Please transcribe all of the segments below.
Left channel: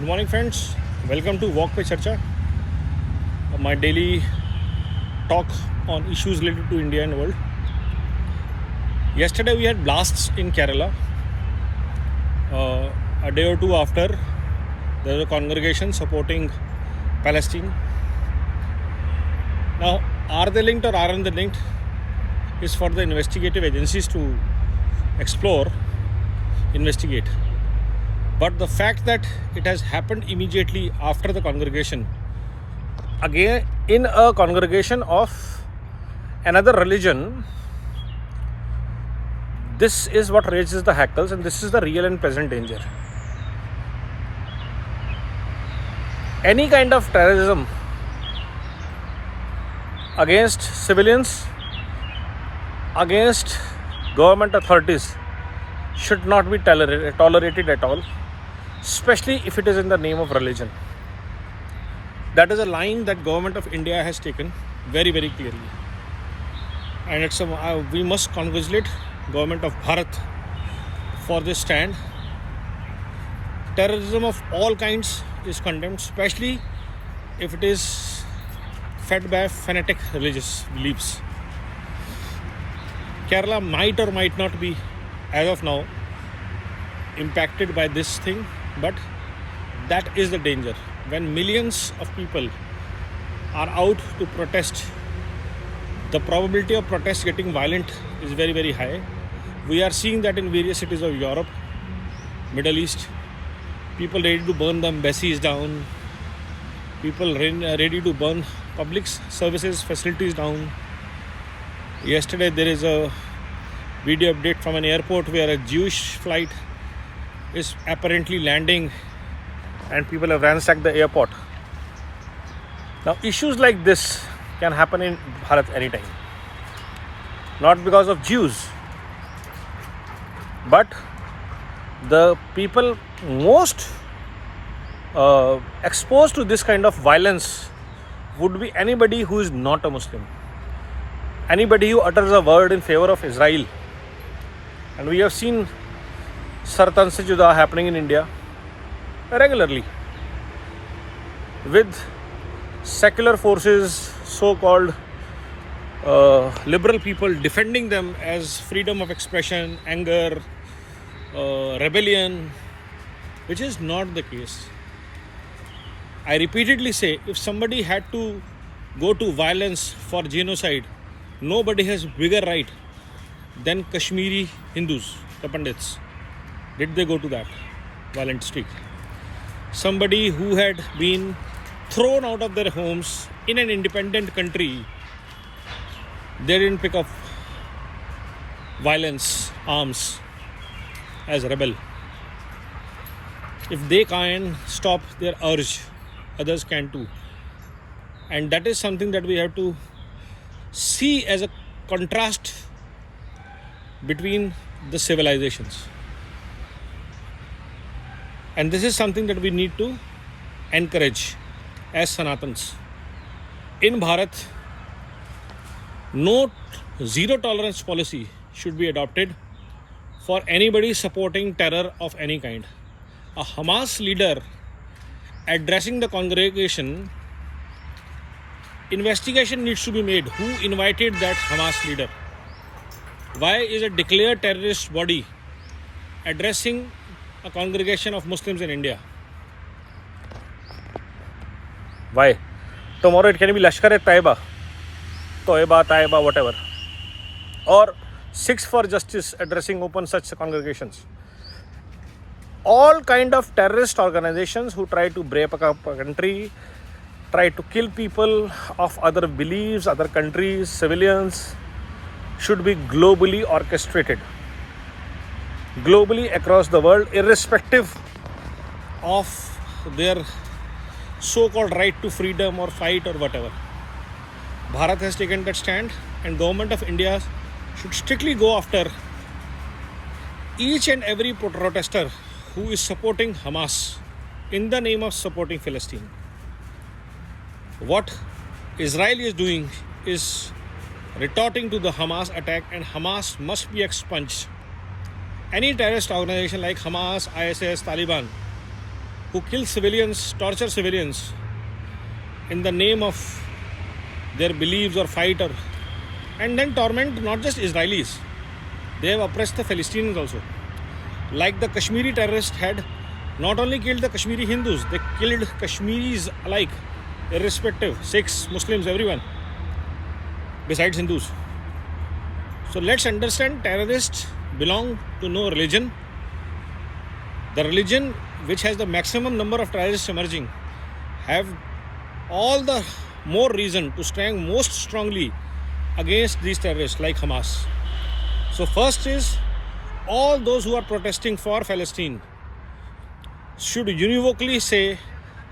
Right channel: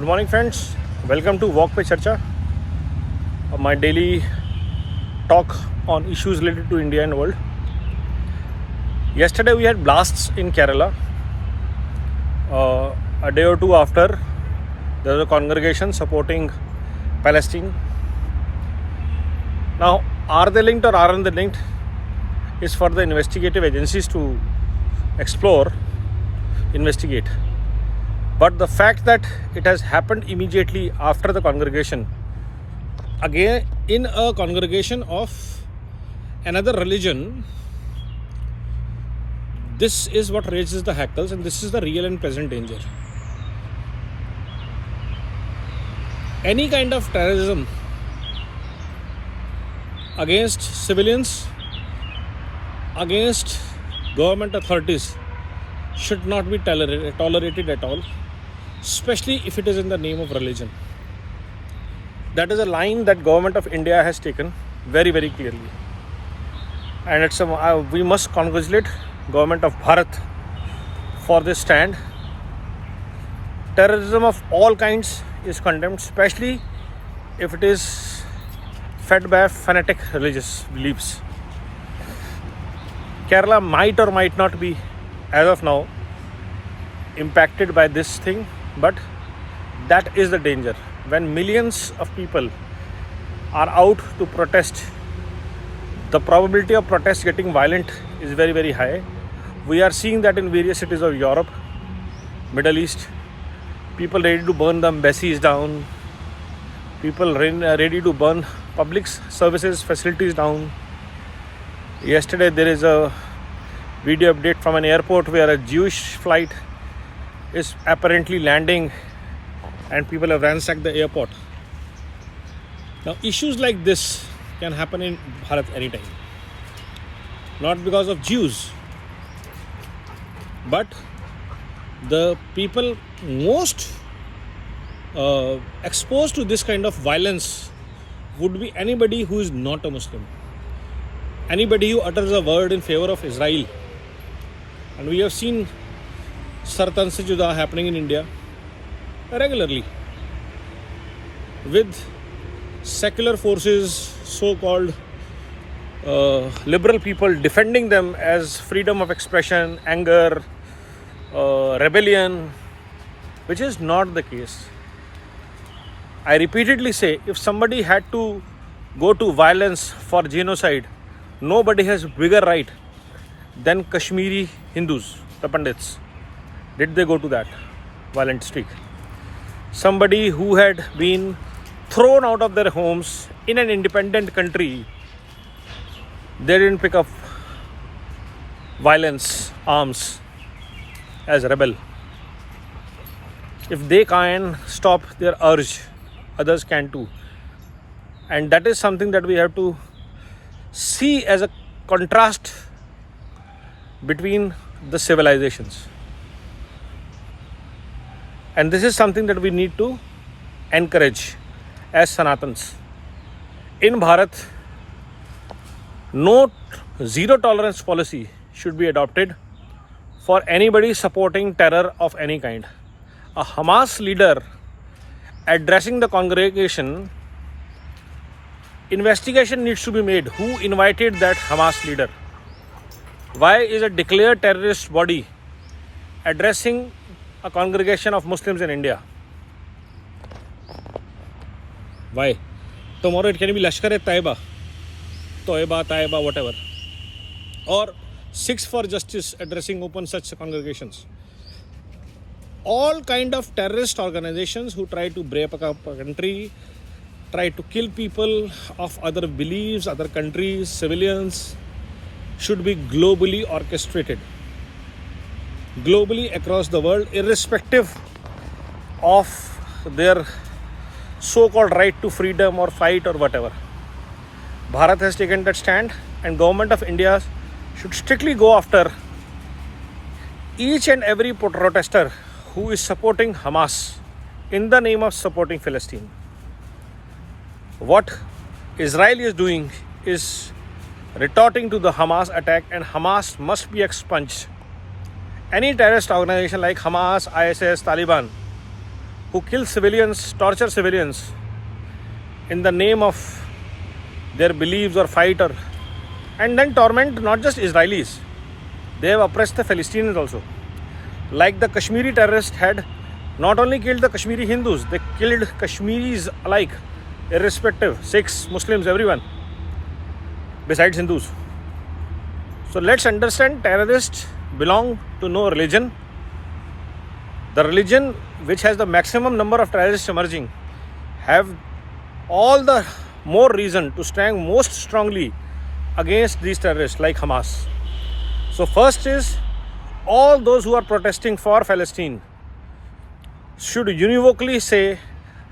Good morning, friends. Welcome to Walk Pe Charcha, my daily talk on issues related to India and world. Yesterday we had blasts in Kerala. A day or two after, there was a congregation supporting Palestine. Now, are they linked or aren't they linked is for the investigative agencies to explore, investigate. But the fact that it has happened immediately after the congregation, again in a congregation of another religion, this is what raises the hackles, and this is the real and present danger. Any kind of terrorism against civilians, against government authorities should not be tolerated at all, especially if it is in the name of religion. That is a line that government of India has taken very, very clearly, and we must congratulate government of Bharat for this stand. Terrorism of all kinds is condemned, especially if it is fed by fanatic religious beliefs. Kerala might or might not be, as of now, impacted by this thing, but that is the danger. When millions of people are out to protest, the probability of protest getting violent is very, very high. We are seeing that in various cities of Europe, Middle East, people ready to burn the embassies down, people ready to burn public services facilities down. Yesterday there is a video update from an airport where a Jewish flight is apparently landing and people have ransacked the airport. Now, issues like this can happen in Bharat anytime. Not because of Jews, but the people most exposed to this kind of violence would be anybody who is not a Muslim. Anybody who utters a word in favor of Israel. And we have seen Sartan Se Juda happening in India regularly, with secular forces, so-called liberal people defending them as freedom of expression, anger, rebellion, which is not the case. I repeatedly say, if somebody had to go to violence for genocide, nobody has bigger right than Kashmiri Hindus, the Pandits. Did they go to that violent streak? Somebody who had been thrown out of their homes in an independent country, they didn't pick up violence, arms as rebel. If they can stop their urge, others can too. And that is something that we have to see as a contrast between the civilizations. And this is something that we need to encourage as Sanatans. In Bharat, no zero tolerance policy should be adopted for anybody supporting terror of any kind. A Hamas leader addressing the congregation, investigation needs to be made. Who invited that Hamas leader? Why is a declared terrorist body addressing a congregation of Muslims in India? Why? Tomorrow it can be Lashkar-e-Taiba, Taiba, whatever. Or Sikhs for Justice addressing open such congregations. All kind of terrorist organizations who try to break up a country, try to kill people of other beliefs, other countries, civilians, should be globally orchestrated. Globally across the world, irrespective of their so-called right to freedom or fight or whatever. Bharat has taken that stand, and government of India should strictly go after each and every protester who is supporting Hamas in the name of supporting Palestine. What Israel is doing is retorting to the Hamas attack, and Hamas must be expunged. Any terrorist organization like Hamas, ISIS, Taliban who kill civilians, torture civilians in the name of their beliefs or fight, or and then torment not just Israelis. They have oppressed the Palestinians also. Like the Kashmiri terrorists had not only killed the Kashmiri Hindus, they killed Kashmiris alike, irrespective, Sikhs, Muslims, everyone, besides Hindus. So let's understand, terrorists belong to no religion. The religion which has the maximum number of terrorists emerging have all the more reason to stand most strongly against these terrorists like Hamas. So first is, all those who are protesting for Palestine should univocally say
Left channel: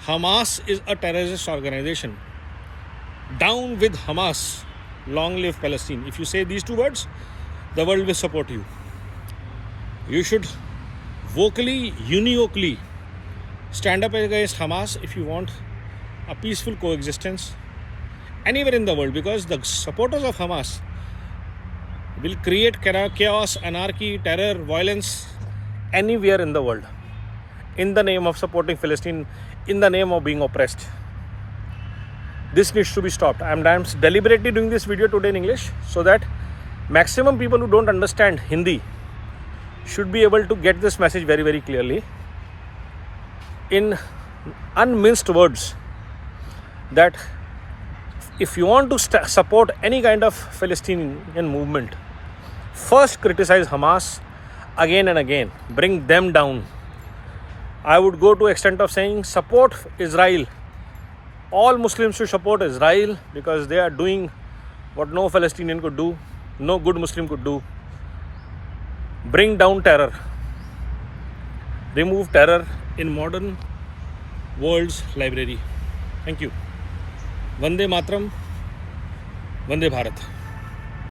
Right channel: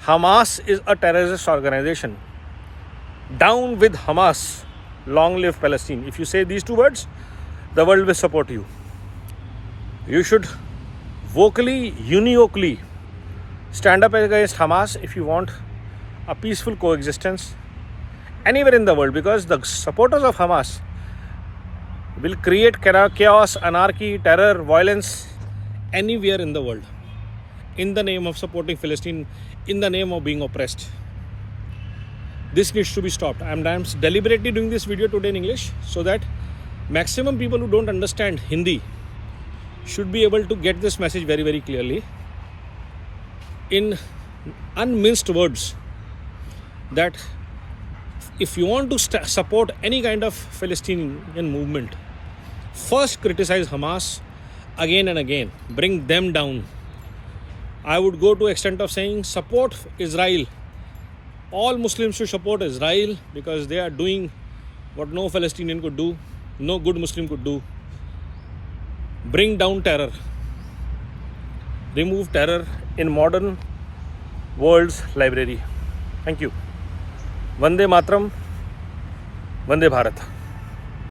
Hamas is a terrorist organization. Down with Hamas, long live Palestine. If you say these two words, the world will support you. You should vocally, univocally stand up against Hamas if you want a peaceful coexistence anywhere in the world, because the supporters of Hamas will create chaos, anarchy, terror, violence anywhere in the world in the name of supporting Palestine, in the name of being oppressed. This needs to be stopped. I am deliberately doing this video today in English so that maximum people who don't understand Hindi should be able to get this message very, very clearly in unminced words, that if you want to support any kind of Palestinian movement, first criticize Hamas again and again, bring them down. I would go to extent of saying support Israel. All Muslims should support Israel because they are doing what no Palestinian could do, no good Muslim could do. Bring down terror. Remove terror in modern world's library. Thank you. Vande Matram, Vande Bharat.